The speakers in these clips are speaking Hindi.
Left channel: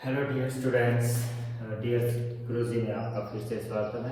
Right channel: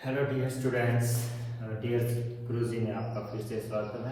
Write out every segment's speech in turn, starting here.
हेलो डियर स्टूडेंट्स, डियर गुरुजी में आपका फिर से स्वागत है।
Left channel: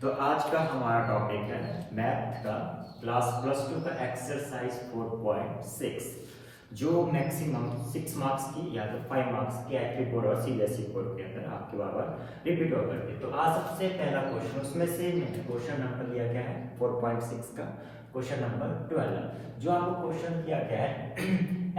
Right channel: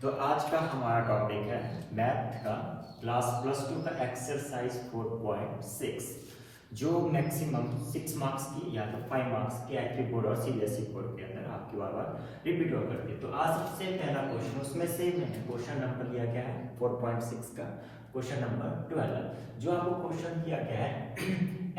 तो आज का हमारा टॉपिक है मैथ का क्लास प्लस टू का एक्सरसाइज 4.6 जो मैक्सिमम 6 मार्क्स की या तो 5 मार्क्स की एक्टिव बोर्ड और सीबीएसई बोर्ड के अंदर आपकी बार बार रिपीट हो करती है। तो आज सबसे पहला क्वेश्चन उसमें से क्वेश्चन नंबर लिया गया है 4.6 का क्वेश्चन नंबर 12 जो आपको क्वेश्चन दिया गया है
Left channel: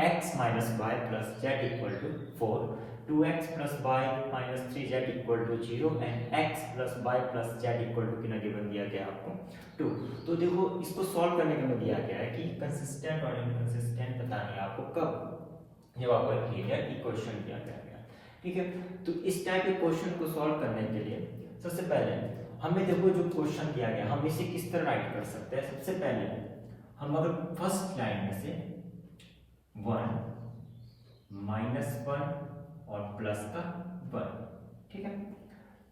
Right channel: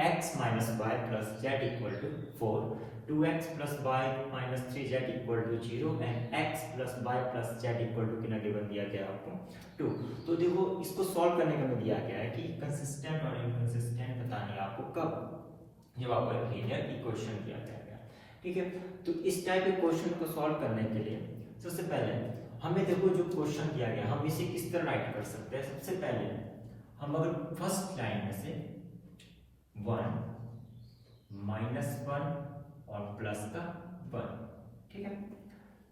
x minus y plus z equal to 4, 2x plus y minus 3z equal to 0 and x plus y plus z equal to कितना गिवन दिया गया आपको 2। तो देखो इसको सॉल्व करने में दिया गया है कि कंसिस्टेंट और इनकंसिस्टेंट बतानी है आपको कब जब आपको एक लीनियर इक्वेशन दिया गया है। ठीक है, तो इस टाइप के क्वेश्चन को सॉल्व करने के लिए सबसे पहले हमें देखो जो क्वेश्चन दिया गया हम इसे किस तरह राइट कर सकते हैं। सबसे पहले हम अगर फर्स्ट लाइन में से 1 माइनस 1 और प्लस का 1, ठीक है,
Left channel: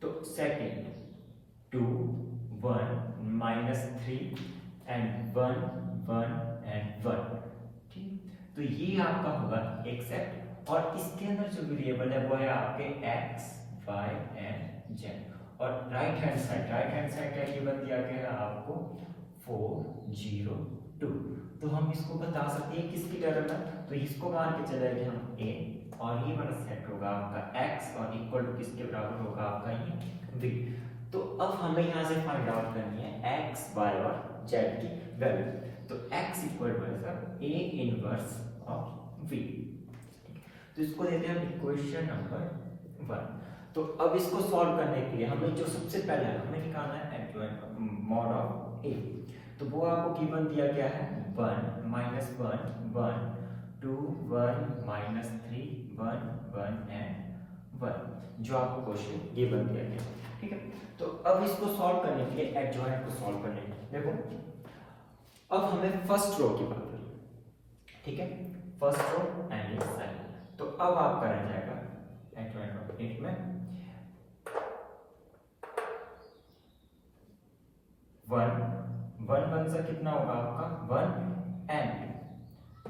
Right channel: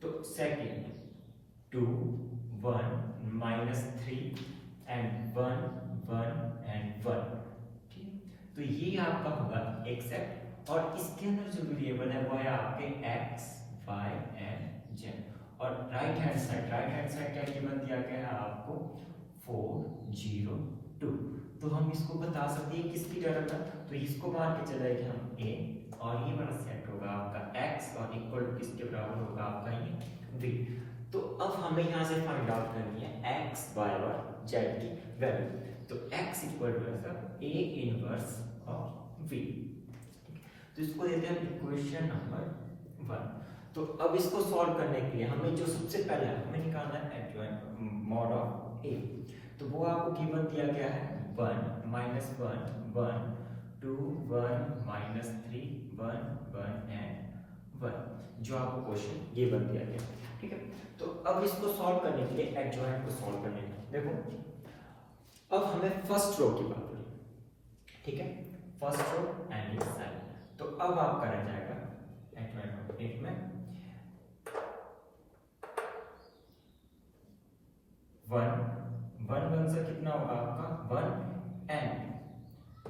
तो सेकेंड 2 1 माइनस 3 एंड 1 1 एंड 1, ठीक। तो ये आपका होगा एक्सेप्ट और इसके अंदर जो वेरिएबल है वो है आपके x y एंड z और राइट हैंड साइड क्या गिवन दिया गया है आपको 4 0 2। तो हम इसको बता सकते हैं किसकी टर्म है, तो इसको मान के चलेंगे हम a और ये वाला सेट होगा आपका x और इक्वल टू किसके बराबर होगा आपका ये v। तो अब हमें यहाँ से फाइंड आउट करनी है x y और z की वैल्यू। तो x इक्वल टू है a इनवर्स ऑफ v। तो इसको देते हैं इक्वेशन नंबर 1। तो अब इसको सॉल्व करने के लिए हमें जो सबसे पहले हमें निकालना है एडजॉइंट मॉड ऑफ a। तो वो आपको गिवन दिया गया है 1 माइनस 1 1 2 1 माइनस 3 1 1 एंड 1 जो आपको क्वेश्चन गिवन दिया गया है। ठीक है, तो अब इसको सॉल्व करने के लिए एडजॉइंट को सॉल्व करने के लिए देखो अब हमें फर्स्ट रो की बात करें, ठीक है, फर्स्ट रो एंड साइड। तो अब आपका रह जाएगा एडजॉइंट ऑफ 8 में 1 1 से कितना होगा आपका 1 एंड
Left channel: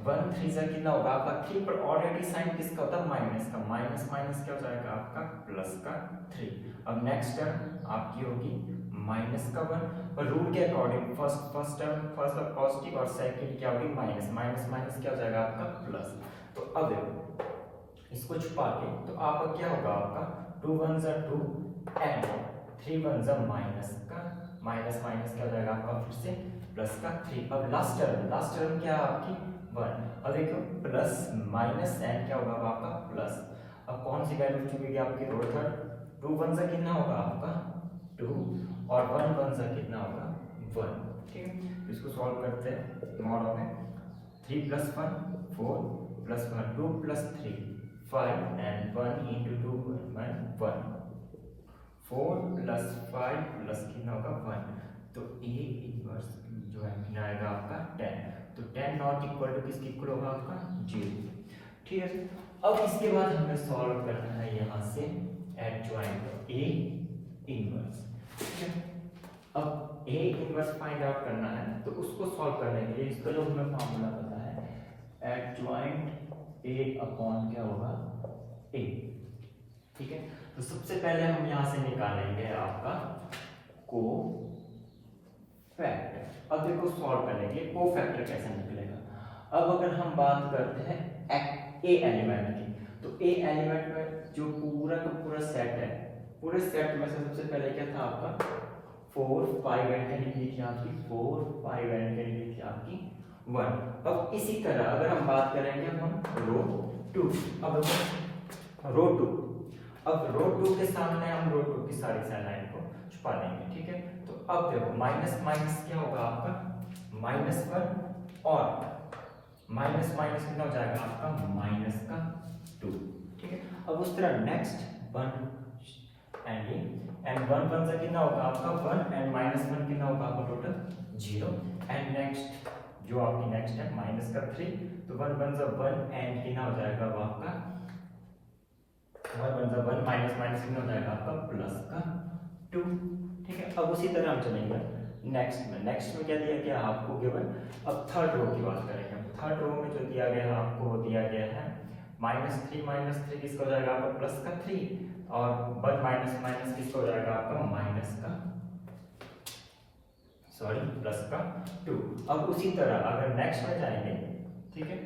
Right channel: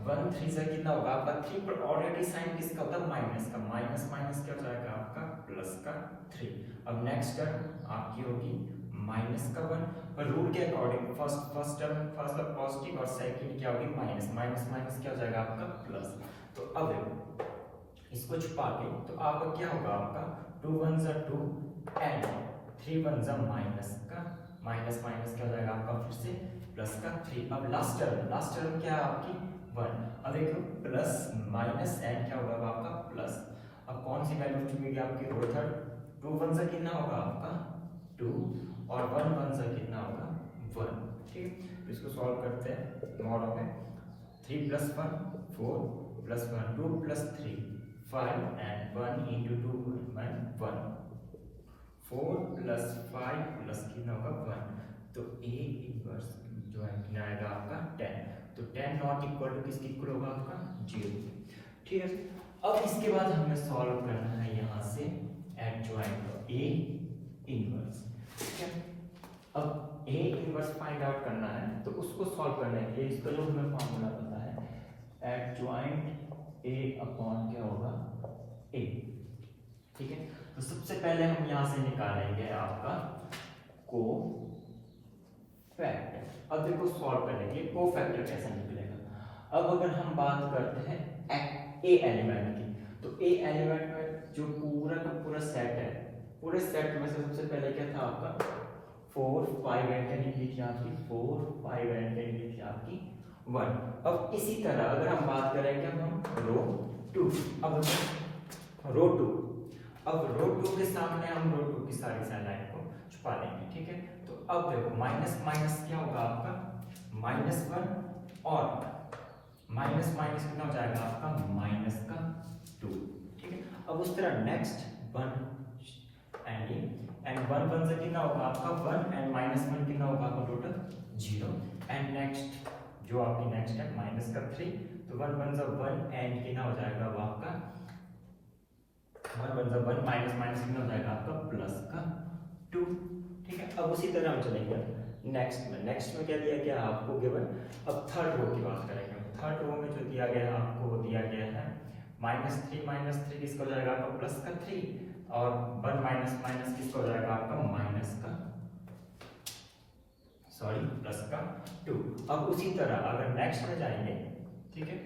1 3 से कितना होगा आपका 3, पर ऑलरेडी साइन किसका होता है माइनस का, माइनस माइनस क्या हो जाएगा आपका प्लस का 3। अब नेक्स्ट टर्म आपकी होगी माइनस का 1 और रूल के according first term first positive और सेकंड क्या होगी माइनस माइनस माइनस क्या हो जाएगा आपका प्लस। तो अब देखो इसको छुपा के तो आपका क्या होगा आपका 2 1 जा 2 एंड 3 1 जा माइनस का माइनस माइनस क्या हो जाएगा आपका फिर से प्लस का 3। अब लास्ट टर्म क्या है आपकी 1। अब देखो प्लस माइनस एंड क्या होगा आपका प्लस। अब कौन सी वैल्यू चुनेगी आपकी रो थर्ड 2 1 से कितना होगा आपका 2 और 1 1 से कितना होगा 1। ठीक है, इसको सॉल्व करते हैं मॉड में 3 plus 1 4 plus 1 2 plus 3 5 and 1 into 2 1 4 plus 5 plus कितना होगा 1। तो a इनवर्स जो है कितना आएगा आपका 10। तो 10 नॉट इक्वल टू किसके इक्वल होगा आपका 0। ठीक है, अब इसके बाद हमें सॉल्व करना है यहाँ से एडजॉइंट a इनवर्स। ठीक है, अब a इनवर्स फाइंड आउट करना है तो उसको सॉल्व करने के लिए इसका जो हमें फॉर्मूला पता है एडजॉइंट a अपॉन क्या होगा a। ठीक है, तो सबसे पहले हम यहां से निकालेंगे आपका कोफैक्टर। अब देखो सॉल्व करने के लिए कोफैक्टर कैसे निकलेगा। अब अगर हम बात करते हैं ए एलिमेंट की, तो ए एलिमेंट में जो पूरा का पूरा सेट है, पूरे सेट में से सबसे पहले क्या था आपका 4 5 एंड कैंडी थी आपकी 4 5 एंड कैंडी थी आपकी 1। अब इसी तरह अगर हम बात करेंगे हम रो 2, अब रो 2, अब रो 2 के सामने हम रो 2 की सारी लाइन को छुपा देंगे। ठीक है, तो अब देखो माइनस माइनस क्या होगा आपका माइनस 1 और माइनस माइनस कितना हो जाएगा आपका माइनस का 2। ठीक है, अब उस तरह नेक्स्ट 1 एंड 1 1 से कितना होगा आपका 1 एंड माइनस 1 कितना होगा आपका टोटल 0 एंड नेक्स्ट जो आपकी नेक्स्ट है माइनस का 3। तो 1 1 जा 1 एंड कितना हो जाएगा वो आपका 1 1 जा 1 माइनस माइनस कितना हो जाएगा आपका प्लस का 2। ठीक है, अब उसी तरह हम चलेंगे नेक्स्ट में क्या दिया गया आपको गिवन। अब थर्ड रो की बात करेंगे। थर्ड रो में जो दिया गया आपको दिया गया है -3 किसका हो जाएगा आपका प्लस का 3 और 1 माइनस माइनस किसका हो जाएगा आपका माइनस का प्लस का 2। अब उसी तरह अगर नेक्स्ट में जाएंगे, ठीक है,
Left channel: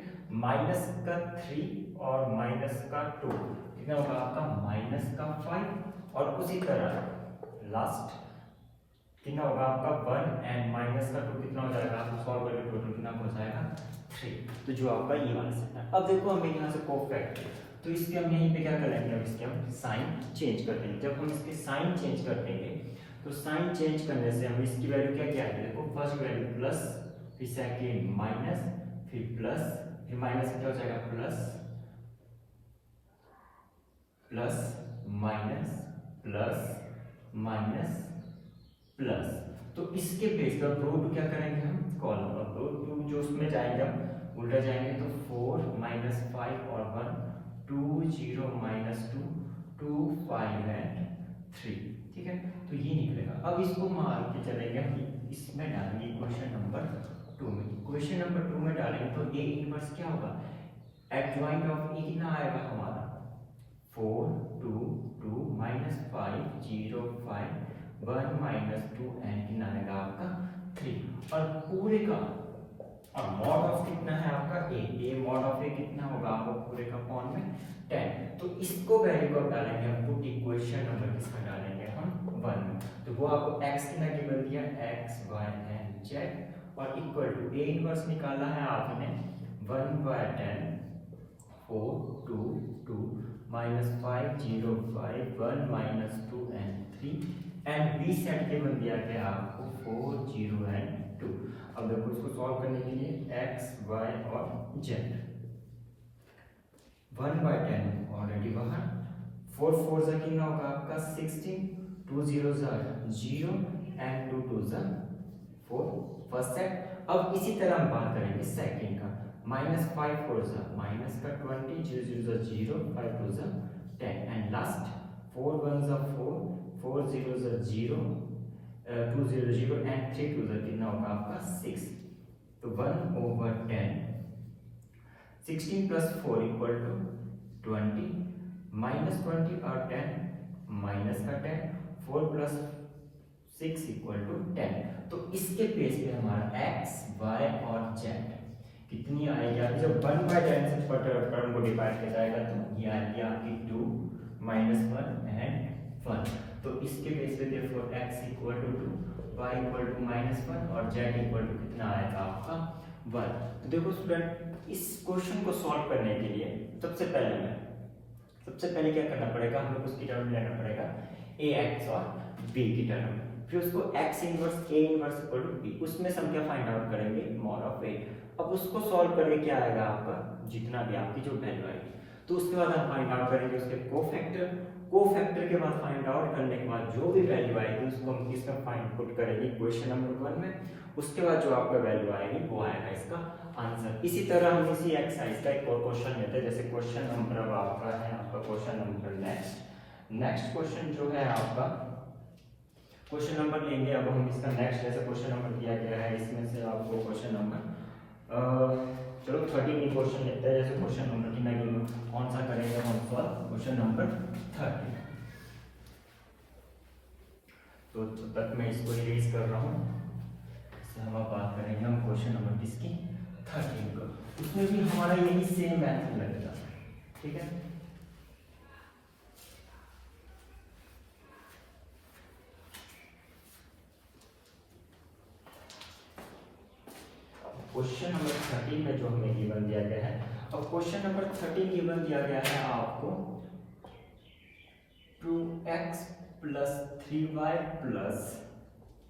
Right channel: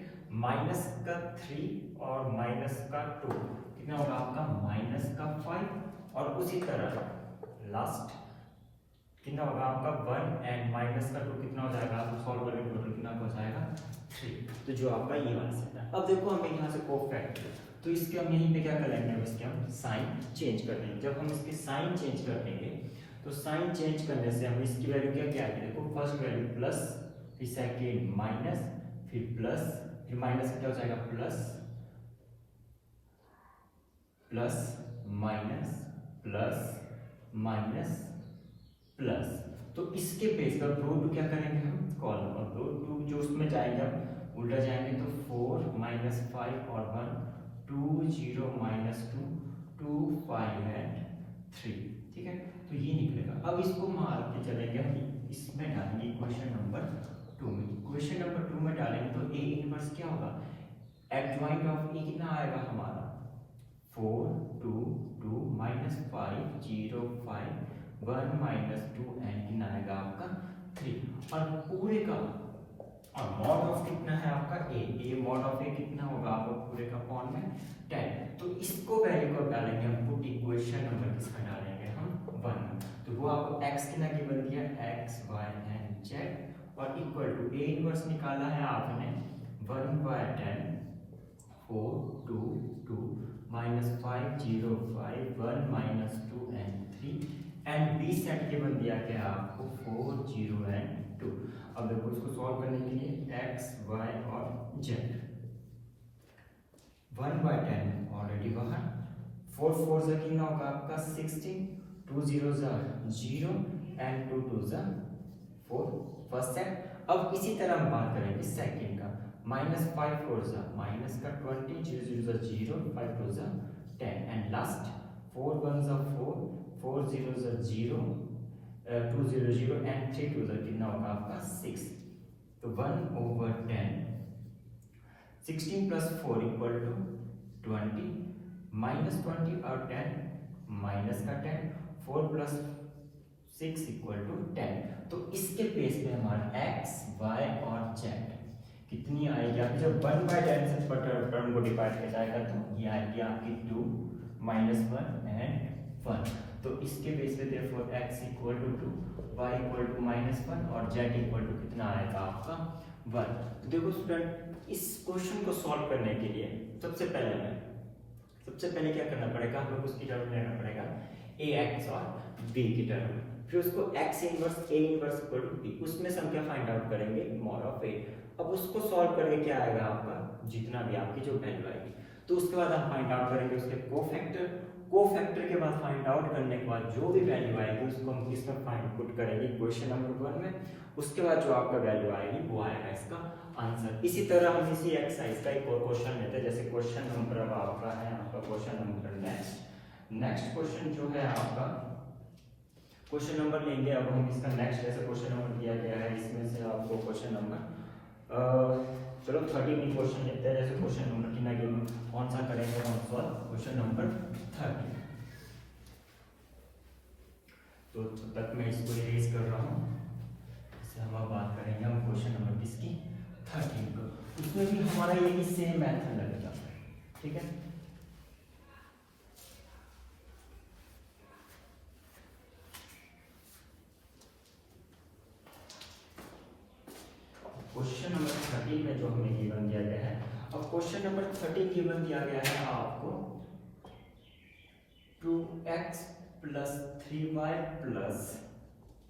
माइनस का 3 और माइनस का 2 कितना होगा आपका माइनस का 5 और उसी तरह लास्ट कितना होगा आपका 1 एंड माइनस का 2 कितना हो जाएगा आपको सॉल्व करके टोटल कितना हो जाएगा 3। तो जो आपका ये आंसर है। अब देखो हमें यहाँ से कोफैक्टर, तो इसके हम यहीं पे क्या कर लेंगे, अब इसके हम साइन चेंज कर देंगे। जब हम इसके साइन चेंज कर देंगे तो साइन चेंज करने से हम इसकी वैल्यू क्या क्या आएगी, देखो फर्स्ट वैल्यू प्लस, फिर सेकेंड माइनस, फिर प्लस, फिर माइनस क्या हो जाएगा plus, plus minus, plus minus plus. तो इसके बेस पर रूट क्या करेंगे हम कॉलम, अब रूट 2 जो उसमें जाएंगे हम उल्टा जाएंगे तो 4 माइनस 5 और 1 2 0 माइनस 2 2 5 एंड 3, ठीक है, तो ये निकलेगा। अब इसको मार के चलेंगे हम इसमें डालेंगे क्वेश्चन नंबर 2 में। क्वेश्चन नंबर 2 में डालेंगे तो ए इनवर्स क्या होगा, एडजॉइंट ऑफ ए कितना आएगा हमारा 4 2 2 माइनस 5 0 5 1 माइनस 2 एंड कितना आएगा आपका 3 और पूरे का अब मॉड ऑफ कितना है आपका ए मॉड ऑफ ए कितना होगा आपको पूरे का कौन में 10। तो इसको वैल्यू को डालेंगे हम पुट इक्वेशन नंबर किसका डालेंगे हम 1 में। तो वो आपको x कितना गिवन दिया x y एंड z और इक्वल टू ए इनवर्स निकाला है आपने 1/10 4 2 2 minus 5 0 5 1 minus 2 and 3 and B set के बन दिया गया आपको 4 0 एंड 2। अब देखो इसको सॉल्व करने के लिए x y और z 1/10 ऑलरेडी बाहर 4 4 से कितना होगा आपका 16 2 0 0 एंड 2 2 4 फर्स्ट सेट। अब इसी तरह हम बात करेंगे सेकंड का -5 4 माइनस का 20 0 0 0 5 2 10 एंड लास्ट 4 1 4 4 0 0 2 0 0 एंड 3 2 कितना होगा आपका 6। तो 1/10 16 प्लस 4 इक्वल टू 20 माइनस 20 और 10 माइनस का 10 4 प्लस 6 इक्वल टू 10। तो इसके बेस पे हमारा x y और z कितनी आएगी, जब 1/10 से टर्म को डिवाइड किया जाएगा तो ये आएगी आपकी 2 माइनस 1 एंड 1। तो इसके बेस पे देखो x equal to 2 y equal to -1 और z इक्वल टू कितना आएगा आपका 1। तो देखो स्टूडेंट इस क्वेश्चन को सॉल्व करने के लिए सबसे पहले क्या करना पड़ेगा, हम लोग उसकी टर्म में लेना पड़ेगा ax और b की टर्म, फिर उसको x inverse a inverse equal to b, उसमें से हम क्या फाइंड आउट करेंगे मॉड ऑफ a। अब उसको सॉल्व करके क्या आएगा आपका जितना भी आपकी जो वैल्यू आएगी, तो उसके बाद हम फाइंड आउट करेंगे उसके कोफैक्टर के बाद फाइंड आउट करने के बाद जो भी वैल्यू आएगी उसको हम इसमें फाइंड पुट करेंगे क्वेश्चन नंबर 1 में। उसके बाद जो आपका वैल्यू आएगी वो आएगा इसका आंसर। इसी तरह हम इसी एक्सरसाइज का एक और क्वेश्चन लेते हैं, जैसे क्वेश्चन नंबर आपका है आपका क्वेश्चन नंबर नेक्स्ट क्वेश्चन जो है आपका क्वेश्चन नंबर लेंगे। अब हम इसका नेक्स्ट जैसे क्वेश्चन नंबर दिया गया है इसमें से आपको क्वेश्चन नंबर चलो 13 क्वेश्चन लेते हैं। जैसे क्वेश्चन नंबर कितना कौन सा करेंगे हम सॉल्व क्वेश्चन नंबर 13। तो तब तक मैं इसको रिलीज कर रहा हूँ। हम अब बात करेंगे हम क्वेश्चन नंबर किसकी 13 को, उसमें भी हमारा यही सेम मेथड लगेगा, ठीक है। क्वेश्चन नंबर 13 में जो हमें गिवन दिया गया है, और क्वेश्चन नंबर 13 गिवन दिया गया है आपको 2x plus 3y plus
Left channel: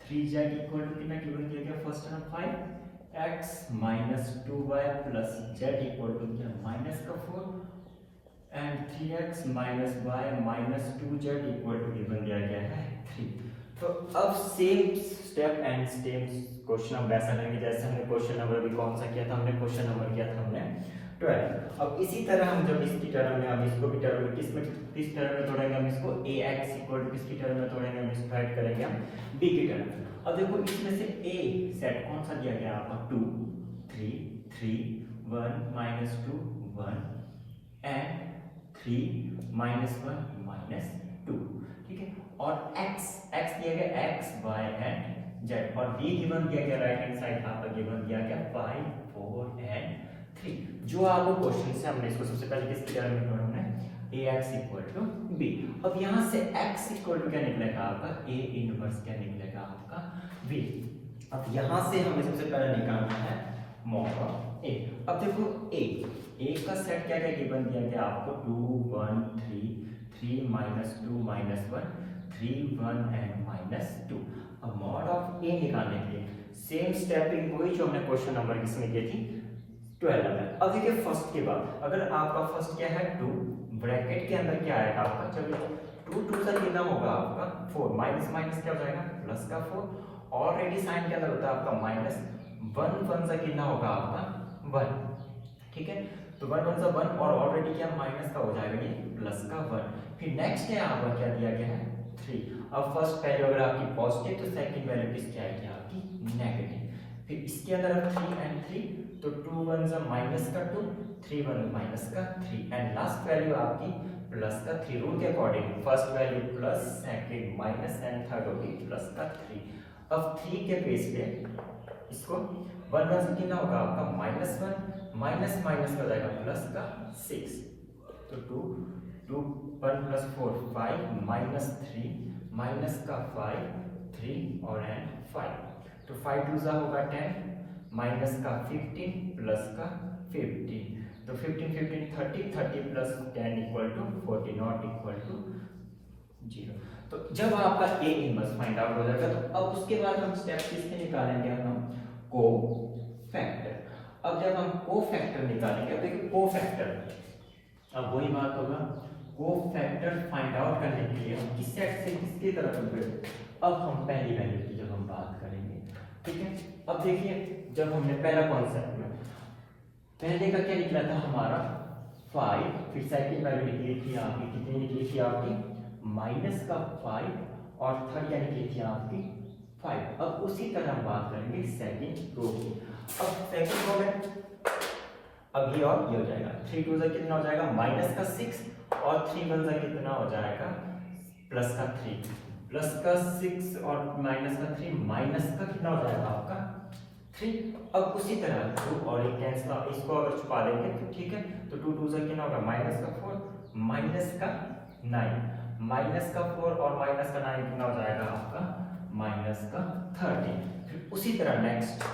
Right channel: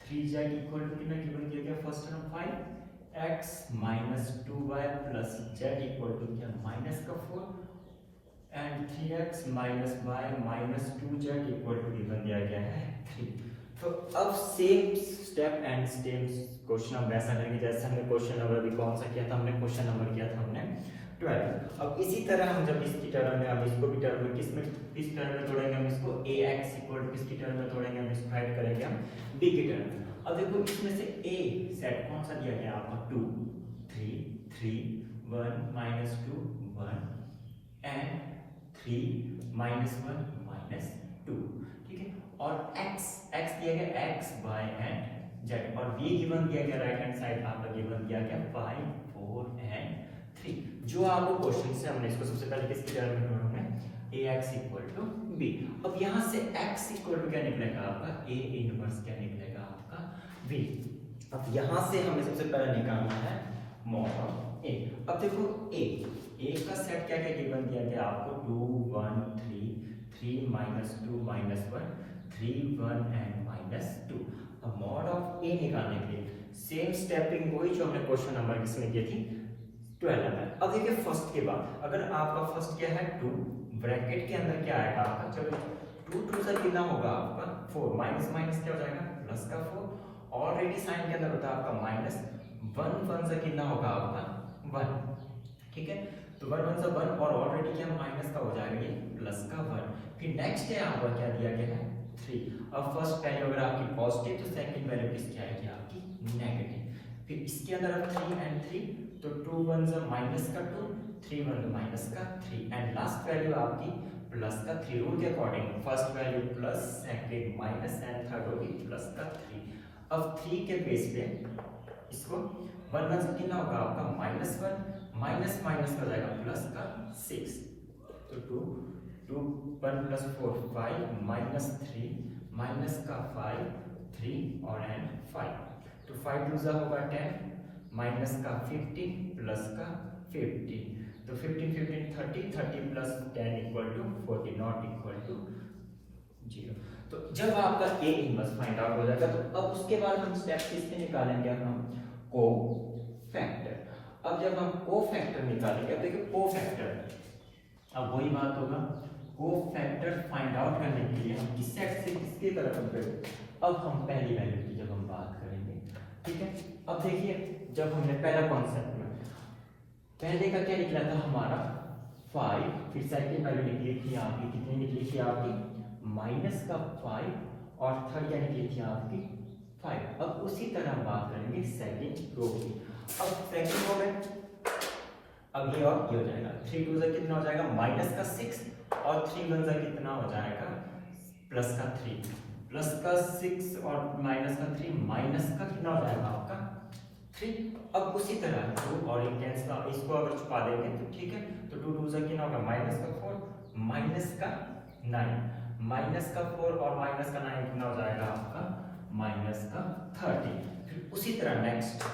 3z equal to कितना गिवन दिया गया, first term 5x minus 2y plus z equal to क्या माइनस का 4 and 3x minus y minus 2z equal to given दिया गया है 3। तो अब same step and same question हम वैसा करेंगे जैसे हमने क्वेश्चन नंबर भी कौन सा किया था, हमने क्वेश्चन नंबर किया था हमने 12। अब इसी तरह हम जब इसकी टर्म में अब इसको भी टर्म में किस टर्म में तोड़ेंगे, हम इसको ax इक्वल टू किसकी टर्म में तोड़ेंगे, हम इसको फाइंड करेंगे हम b की टर्म में। अब देखो इसमें से a सेट कौन सा दिया गया आपका 2 3 3 1 -2 1 एंड 3 -1 -2, ठीक है। और x दिया गया x y एंड z, और v गिवन दिया गया राइट हैंड साइड आपका गिवन दिया गया 5 4 एंड 3। जो आपको क्वेश्चन से हमने इसको सबसे पहले किसकी जगह में ढूंढना है, ax = b। अब यहां से x = क्या निकलेगा आपका a इनवर्स, क्या निकलेगा आपका b। अब यहां से हमें सबसे पहले निकालना है mod ऑफ a। अब देखो a का सेट क्या क्या गिवन दिया गया आपको 2 1 3 3 -2 -1 3 1 एंड -2। अब mod ऑफ a निकालने के लिए सेम स्टेपिंग वही जो हमने क्वेश्चन नंबर किसमें की थी 12 में। अब देखिए फर्स्ट के बाद अगर आपका फर्स्ट क्या है 2, ब्रैकेट के अंदर क्या आएगा आपका, चलो 2 2 से कितना होगा आपका 4, माइनस माइनस क्या हो जाएगा प्लस का 4, ऑलरेडी साइन के अंदर होता है आपका माइनस, 1 1 से कितना होगा आपका 1, ठीक है। तो 1 1 से 1 और ऑलरेडी क्या माइनस का हो जाएगा ये प्लस का 1। फिर नेक्स्ट है आपका क्या दिया गया है 3। अब फर्स्ट वैल्यू अगर आपकी पॉजिटिव तो सेकंड वैल्यू किसकी आएगी आपकी नेगेटिव। फिर इसके अंदर 3 एंड 3, तो 2 1 से माइनस का 2, 3 1 माइनस का 3 एंड लास्ट वैल्यू आपकी प्लस का 3। रूल के according first value plus, second minus and third होगी प्लस का 3। अब 3 के बेस पे इसको 1 1 से कितना होगा आपका -1, माइनस माइनस हो जाएगा प्लस का 6, तो 2 2 1 + 4 5 -3 माइनस का 5 3 और एंड 5, तो 5 2 जा होगा 10 माइनस का 15 प्लस का 15, तो 15 15 30 30 + 10 = 40 नॉट इक्वल टू 0। तो जब आपका a इनवर्स फाइंड आउट हो जाएगा तो अब उसके बाद हम स्टेप किसके निकालेंगे, हम कोफैक्टर। अब जब हम कोफैक्टर निकालेंगे, अब देखिए कोफैक्टर अब वही बात होगा, कोफैक्टर फाइंड आउट करने के लिए हम किस सेट से किसकी तरफ कंपेयर, अब हम पहली वैल्यू की जब हम बात करेंगे, ठीक है। अब देखिए जब हमने पहला कॉन्सेप्ट में पहले का क्या निकला था हमारा 5, फिर सेकंड वैल्यू निकली थी आपकी कितनी निकली थी आपकी माइनस का 5 और थर्ड क्या निकली थी आपकी 5। अब उसी तरह हम बात करेंगे सेकंड रो की। अब सेकंड रो में अब ये और ये हो जाएगा 3 2 से कितना हो जाएगा माइनस का 6 और 3 1 से कितना हो जाएगा प्लस का 3, प्लस का 6 और माइनस का 3 माइनस का कितना हो जाएगा आपका 3। अब उसी तरह 2 और ये कैंसिल, इसको अगर छुपा देंगे तो ठीक है, तो 2 2 से कितना होगा माइनस का 4 माइनस का 9, माइनस का 4 और माइनस का 9 कितना हो जाएगा आपका माइनस का 13। फिर उसी तरह नेक्स्ट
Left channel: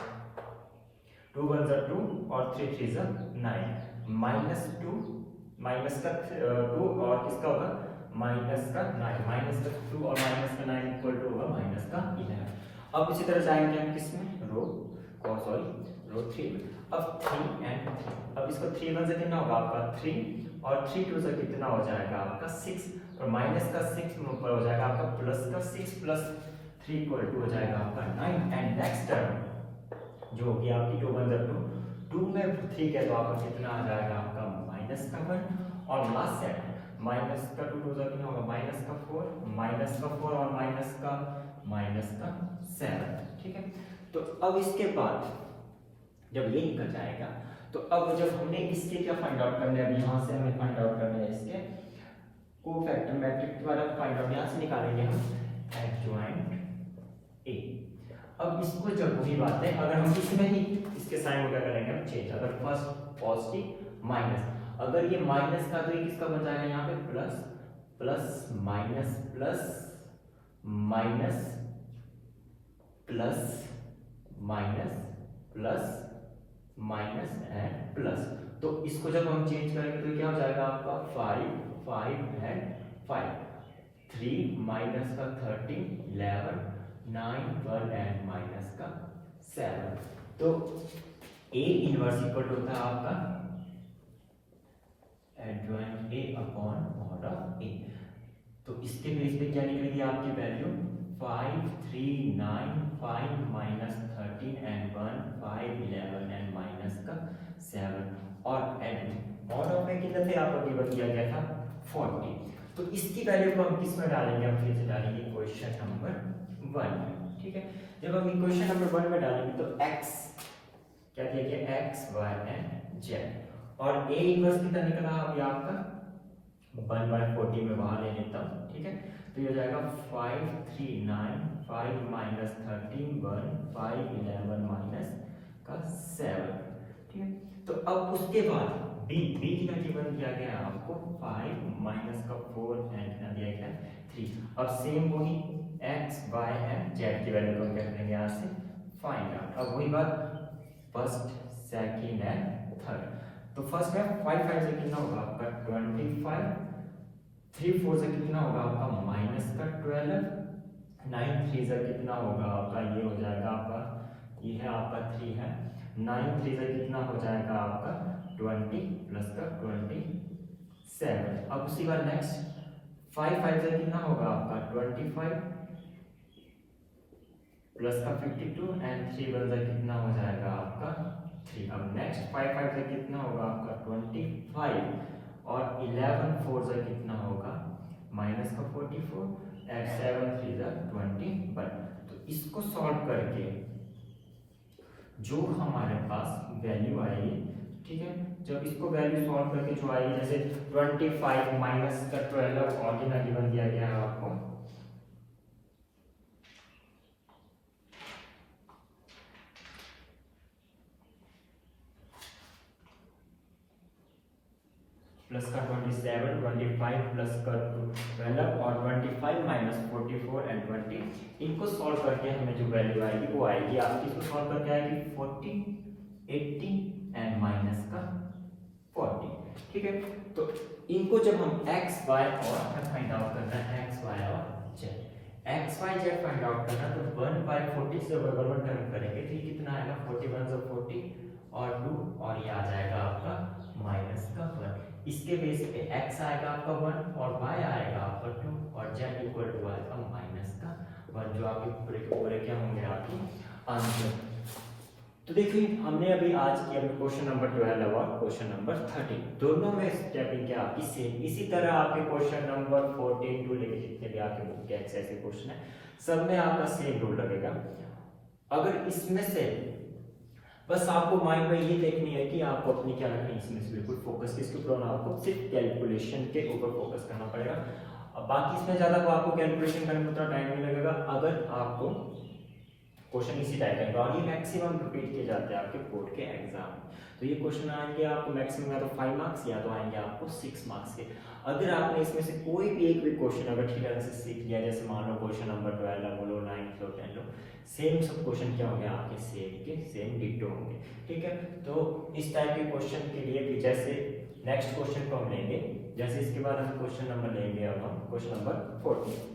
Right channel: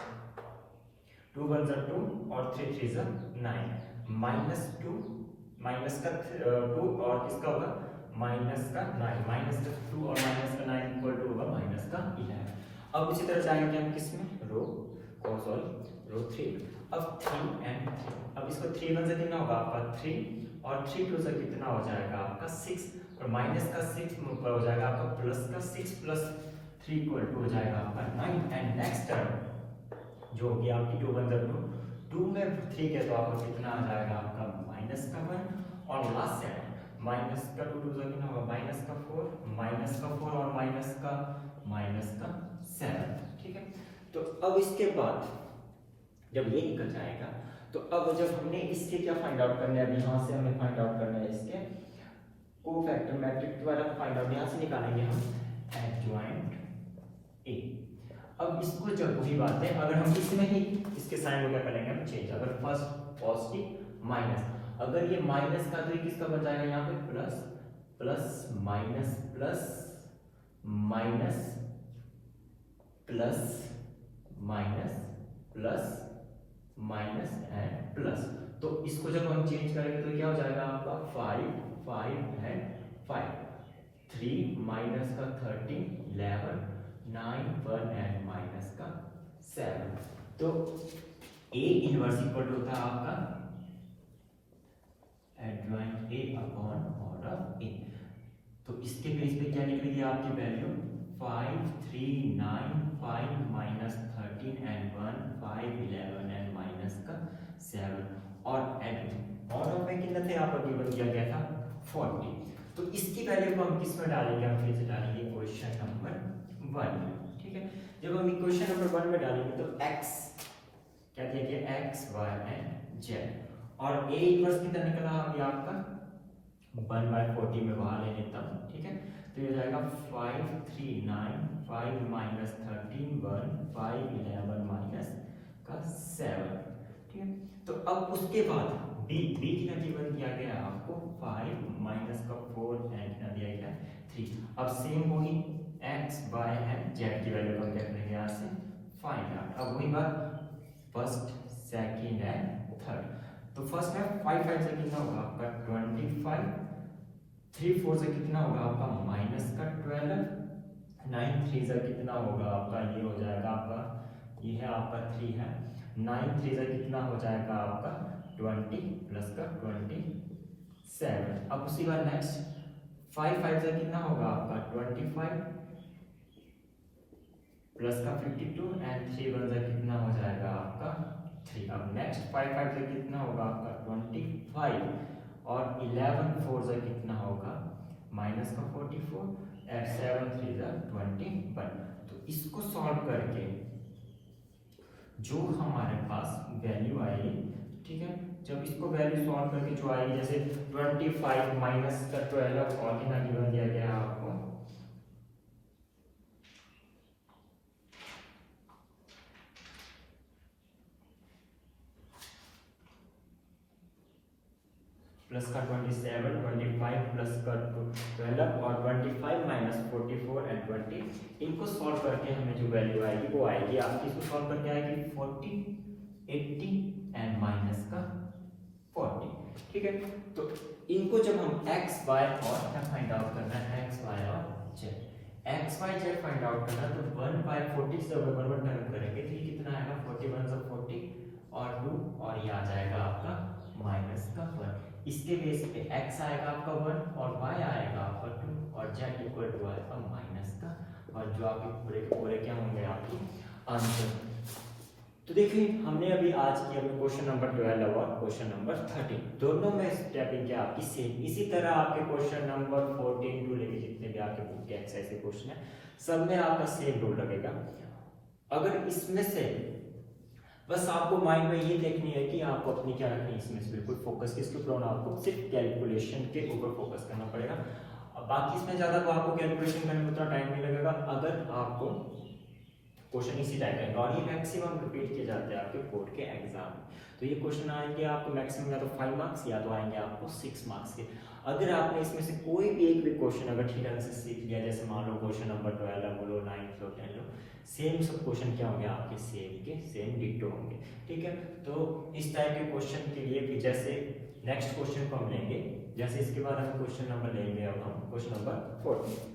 2 1 = 2 और 3 3 = 9, -2 माइनस का 2 और किसका होगा माइनस का 9, माइनस का 2 और माइनस का 9 इक्वल टू होगा माइनस का 11। अब इसी तरह जाएंगे हम किसमें रो और सॉरी रो 3। अब 3 एंड 3, अब इसको 3 1 से कितना होगा आपका 3 और 3 2 से कितना हो जाएगा आपका 6 और माइनस का 6 हो जाएगा आपका प्लस का 6 + 3 = हो जाएगा आपका 9 एंड नेक्स्ट टर्म जो कि आपकी 2 1 = 2 में 3 के तो आपका कितना आ जाएगा आपका माइनस का 1 और लास्ट सेट माइनस का 2 2 कितना होगा माइनस का 4 और माइनस का 7, ठीक है। तो अब इसके बाद जब ये निकल जाएगा तो अब जब हमने इसके क्या फाइंड आउट करना है, यहाँ से हमें फाइंड आउट करना है इसके कोफैक्टर मैट्रिक्स द्वारा फाइंड आउट, यहाँ से निकालेंगे हम एडजॉइंट ए। अब इसको जब वही बात है अगर हम इसमें ही इसके साइन को क्या करेंगे हम चेंज, अगर फर्स्ट पॉजिटिव माइनस, अगर ये माइनस का तो ये किसका बन जाएगा यहाँ पे plus plus minus plus minus plus minus plus minus and plus. तो इसको जब हम चेंज करेंगे तो क्या हो जाएगा आपका 5 5 एंड 5, 3 माइनस का 13 11 9 1 एंड माइनस का 7। तो A इनवर्स इक्वल होता है आपका adjoint A upon mod of A। तो इसके बेस पे क्या निकलेगी आपकी वैल्यू 5 3 9 5 -13 एंड 1 5 11 एंड माइनस का 7 और एंड मॉड ऑफ A कितना थे आपका गिवन किया गया था 40। तो इसकी वैल्यू को हम किस में डालेंगे, हम फिर से डालेंगे क्वेश्चन नंबर 1, ठीक है। जब हम इक्वेशन नंबर 1 में डालेंगे तो x क्या देखिए x y एंड z और a इनवर्स कितना निकला अभी आपका 1/40 में वहां ले लेता हूँ, ठीक है। तो ये हो जाएगा 5 3 9, 5 माइनस 13 1, 5 11 माइनस का 7, ठीक है। तो अब उसके बाद b का गिवन दिया गया है आपको 5 माइनस का 4 एंड का दिया गया है 3। अब सेम वही x y एंड z की वैल्यू हम रख लेंगे यहाँ से फाइंड आउट। अब वही बात फर्स्ट सेकंड एंड थर्ड। तो फर्स्ट है 5 5 से कितना होगा आपका 25, 3 4 से कितना होगा आपका माइनस का 12, 9 3 से कितना होगा आपका, ये हो जाएगा आपका, ये है आपका 3 है, 9 3 से कितना हो जाएगा आपका 20 प्लस का 27। अब उसी का नेक्स्ट 5 5 से कितना होगा आपका 25 प्लस का 52 एंड 3 1 से कितना हो जाएगा आपका 3। अब नेक्स्ट 5 5 से कितना होगा आपका 25 और 11 4 से कितना होगा माइनस का 44 एंड 7 3 जा 21। तो इसको सॉल्व करके जो हमारे पास वैल्यू आएगी, ठीक है, जब इसको वैल्यू सॉल्व करके जो आएगी, जैसे 25 माइनस का 12 और गिवन दिया गया है आपको, प्लस का 27 25 प्लस का 12 और 25 माइनस 44 एंड 20, इनको सॉल्व करके हमें जो वैल्यू आएगी वो आएगी आपकी, इसको सॉल्व करके आएगी 40 80 एंड माइनस का 40, ठीक है। तो इनको जब हम x y और क्या फाइंड आउट करना है, x y और z, x y z find out करना है, तो 1/40 से अगर 1 टर्म करेंगे तो ये कितना आएगा 41 से 40 और 2 और ये आ जाएगा आपका माइनस का 1। इसके बेस पे x आएगा आपका 1 और y आएगा आपका 2 और z इक्वल टू आएगा माइनस का 1, जो आपके पूरे के पूरे क्या होंगे आपके आंसर। तो देखिए हमने अभी आज किया क्वेश्चन नंबर 12 और क्वेश्चन नंबर 13, दोनों में स्टेपिंग क्या आपकी सेम। इसी तरह आपके क्वेश्चन नंबर 14 टू लेके जितने भी आपके बुक के एक्सरसाइज के क्वेश्चन है सब में आपका सेम रूल लगेगा। अगर इसमें से बस आपको माइंड में ये देखनी है कि आपको अपनी क्या रखनी है, इसमें से बिल्कुल फोकस किसके ऊपर, आपको सिर्फ कैलकुलेशन के ऊपर फोकस करना पड़ेगा। बाकी इसमें ज्यादा तो आपको कैलकुलेशन करने में उतना टाइम नहीं लगेगा अगर आपको क्वेश्चन इसी टाइप का, और ये मैक्सिमम रिपीट किए जाते हैं आपके बोर्ड के एग्जाम में। तो ये क्वेश्चन आएंगे आपको मैक्सिमम या तो 5 मार्क्स या तो आएंगे आपको 6 मार्क्स के। अगर आपने इसमें से कोई भी एक भी क्वेश्चन अगर ठीक तरह से सीख लिया, जैसे मान लो क्वेश्चन नंबर 12 बोलो 9 लो 10 लो, सेम सब क्वेश्चन क्या होंगे आपके सेम के सेम डिट्टो होंगे, ठीक है। तो इस टाइप के क्वेश्चन के लिए भी जैसे नेक्स्ट क्वेश्चन को हम लेंगे, जैसे इसके बाद हम क्वेश्चन नंबर लेंगे, अब हम क्वेश्चन नंबर 14।